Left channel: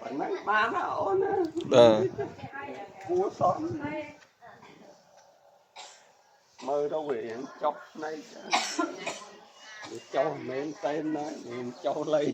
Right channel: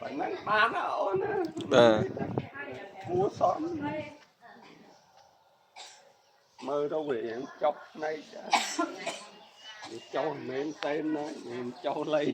phải nắng ba nó ổn cua son mơ đâu về chọc này cho men tên này cho lấy